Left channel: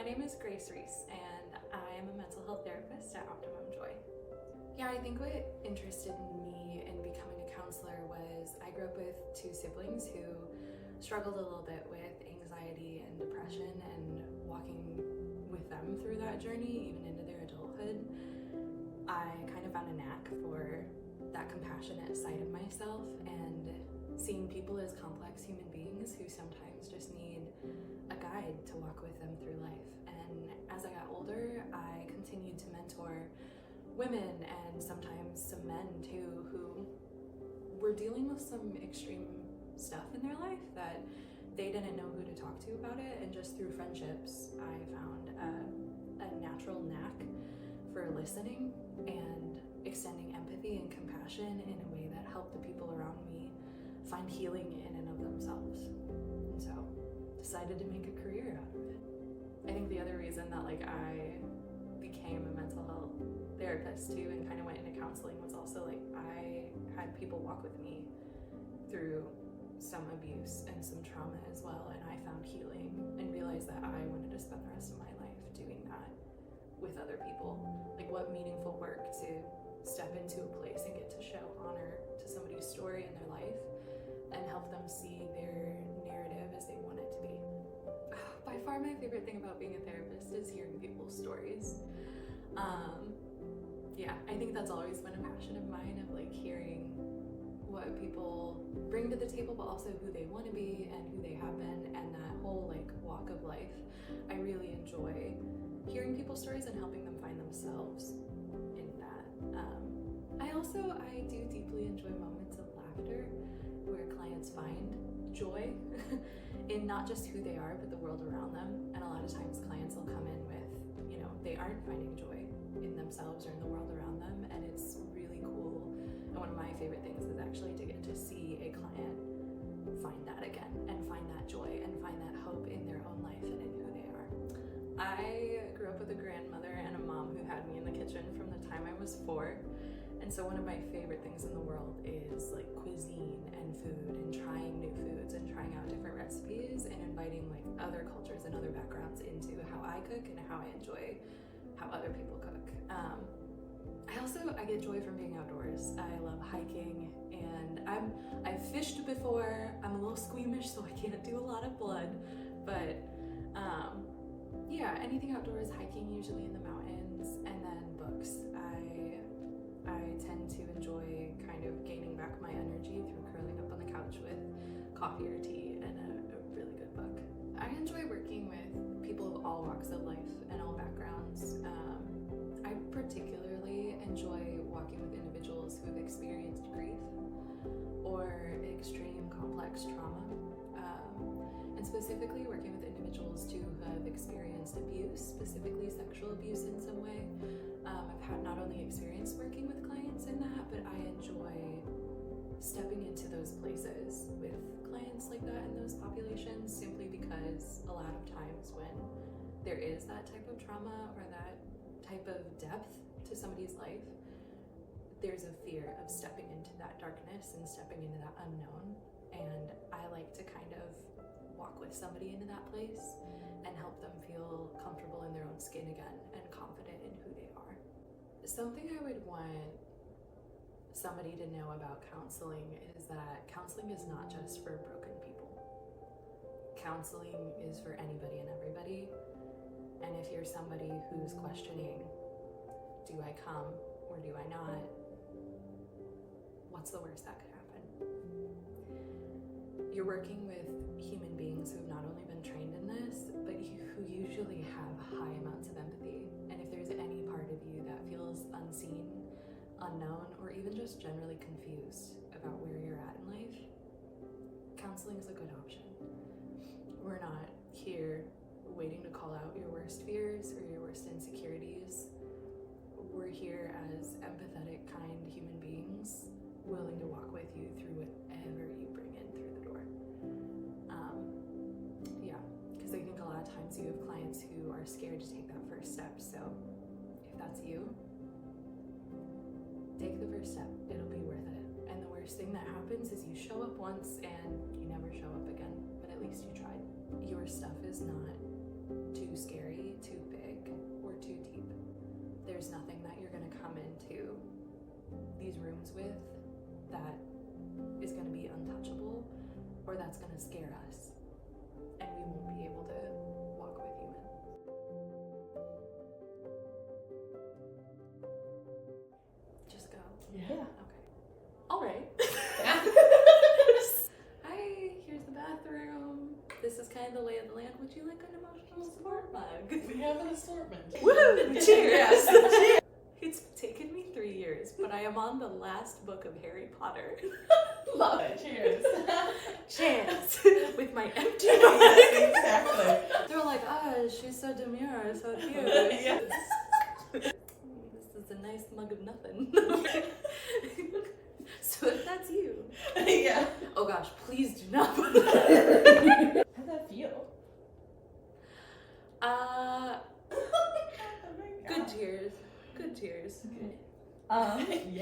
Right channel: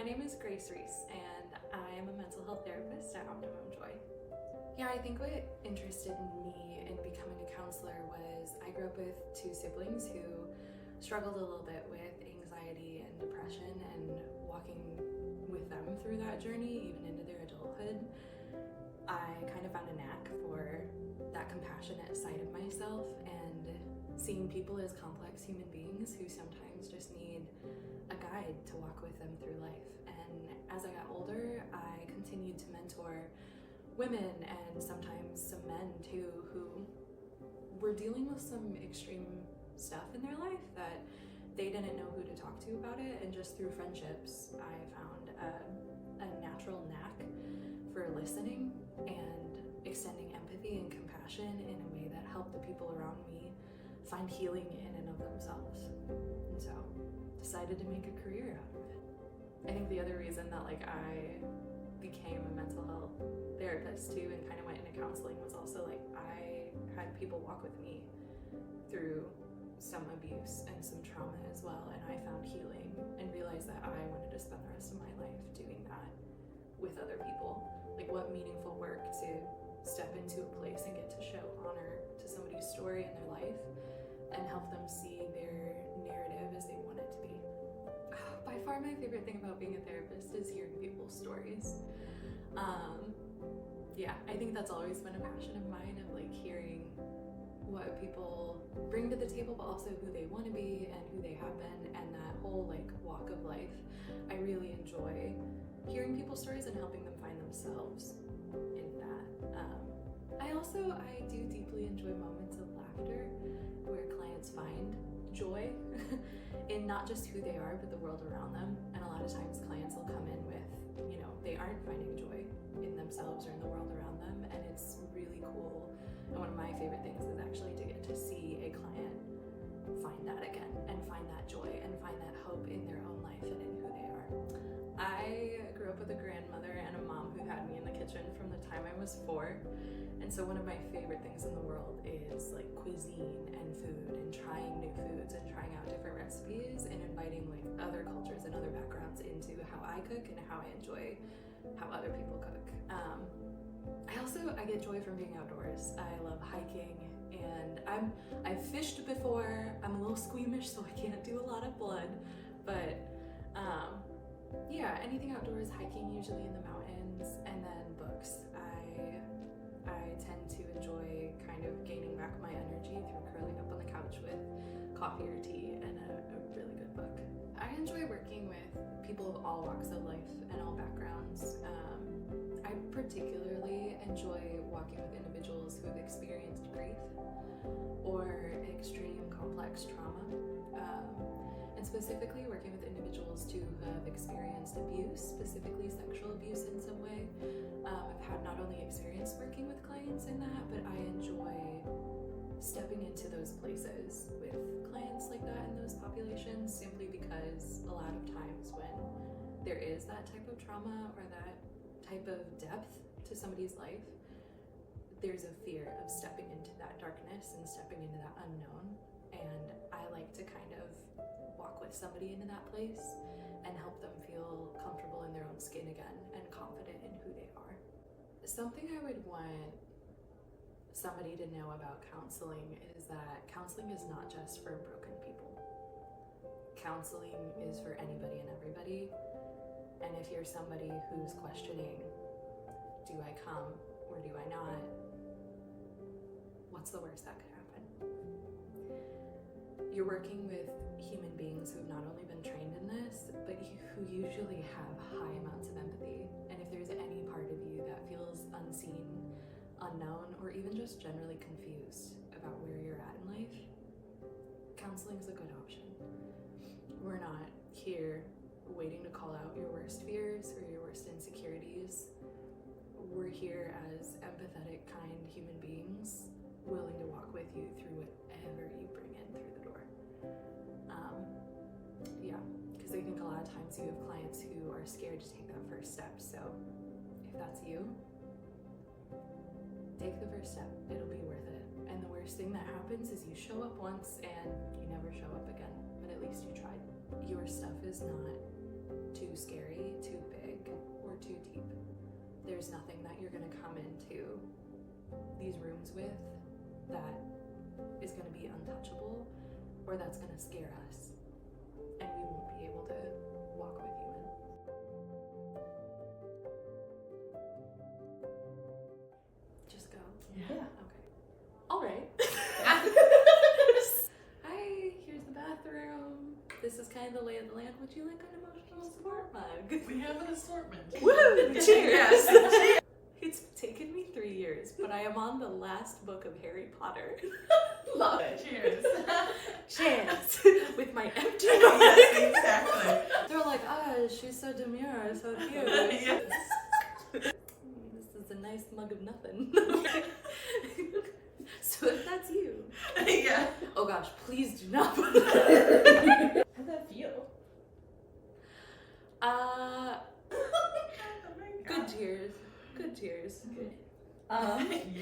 my name is Reese, and I'm a mental health therapist at Optimum Joy. Yeah, I think what interested me in becoming a counselor was I grew up with two siblings who struggled a little bit with anxiety and depression, and walking with them through that journey, even into their adulthood, I kind of found a knack for that compassionate side of myself and seeing people as complex human beings who sometimes just need a guide to walk with them through life. And as I got older, I continued to mentor women and sometimes some men too, who were dealing with some extreme stuff in their life that they didn't know who to talk to about it. And just through friendships, I found a natural knack for listening and extending empathy and compassion in a way that helped the people around me find healing in and of themselves. And so decided to make a career out of it. I think the other reason that I became a mental health therapist too and kind of went into counseling was also I had people walk with me through some abuse and some trauma as well, and I found healing and realized that I wanted to spend the rest of my life doing that with other people. What meaningful work to step into a place and get to show honor to somebody's story in their life and help them see their narrative as they want it to be. By far my favorite thing about being a therapist is hearing people's stories. I think that's always been a passion of mine, of hearing what people bring to the table, but also who they want to be and who they have been, and that whole walk of life. I really enjoy hearing people's stories and helping them find themselves in that. I do deeply enjoy moments of laughter where clients find joy in not just who they are, but the world around them. And a lot of times clients will come in with, they aren't finding joy in themselves or in the world around them. And it's really cool. And one of my favorite things is actually to get to see a client find that again and find that joy and find that hope in their own life and in who they are. I grew up with a grandmother and a mom who had me in the kitchen from the time I was 4. And so one of my favorite things in the world is cuisine and food and trying new foods and trying out different recipes and inviting other cultures and other backgrounds into how I cook and how I enjoy how other people cook. I get joy from being outdoors. I love hiking, and I've fished before. I'm a little squeamish, so I can't do a lot of blood, but anything outdoors, hiking usually in the mountains, and then books. I tend to enjoy kind of gaining back my energy through curling up on the couch with coffee or tea and a really good book. I enjoy working with people of all walks of life and all backgrounds. I particularly enjoy walking with individuals who have experienced grief or extreme complex trauma, and specifically working with individuals who have experienced abuse, specifically sexual abuse in some way. I've had not only experience working with clients in that, but I enjoy stepping into those places with clients like that in those populations, simply because a lot of times when there is that type of trauma or that type of depth to somebody's life, there's a fear of stepping into that darkness and stepping into that unknown. And I like to kind of walk with somebody into that place and help them feel comfortable in their own skin again and confident in who they are. Something I would want somebody to know about counseling is that counseling is not just for broken people. Counseling is for anybody and everybody. And if you're somebody who's questioning, do I come or do I not? What's the worst that could happen? You're working with human beings who have not only been trained in this, but who usually have high amounts of empathy. And if there's any part of you that feels unseen, unknown, or even just generally confused about where you're at in life, counseling is a good option. We're not here waiting to call out your worst fears or your worst insecurities. We're here as empathetic, kind human beings, willing to walk with you through whatever you bring in through the door. Because I think a lot of times you have clients who are scared to take that first step. So if that's you, take the first step. It'll be worth it. And the worst thing that happens is you show up once and you never show up again. And at least you tried. Your stuff is not too scary scare us, and we won't be able to walk with you in. Just go. Yeah. Okay. All right. Hi, here's the bathroom. This is kind of the lay of the land. Would you like an emotional support mug? We have an assortment. Woo! Cheers! Cheers. It's taken me 3 years, but I am on the last book of Harry Potter. Love it. Cheers. Cheers! With my empty Yes, mug. exactly. They're like, she's so demure, so cute. Yes. This is a nice mug of nothing. So if that's you. Yeah. Oh gosh, please do not put How'd that feel? Good cheers. Good cheers. Yeah.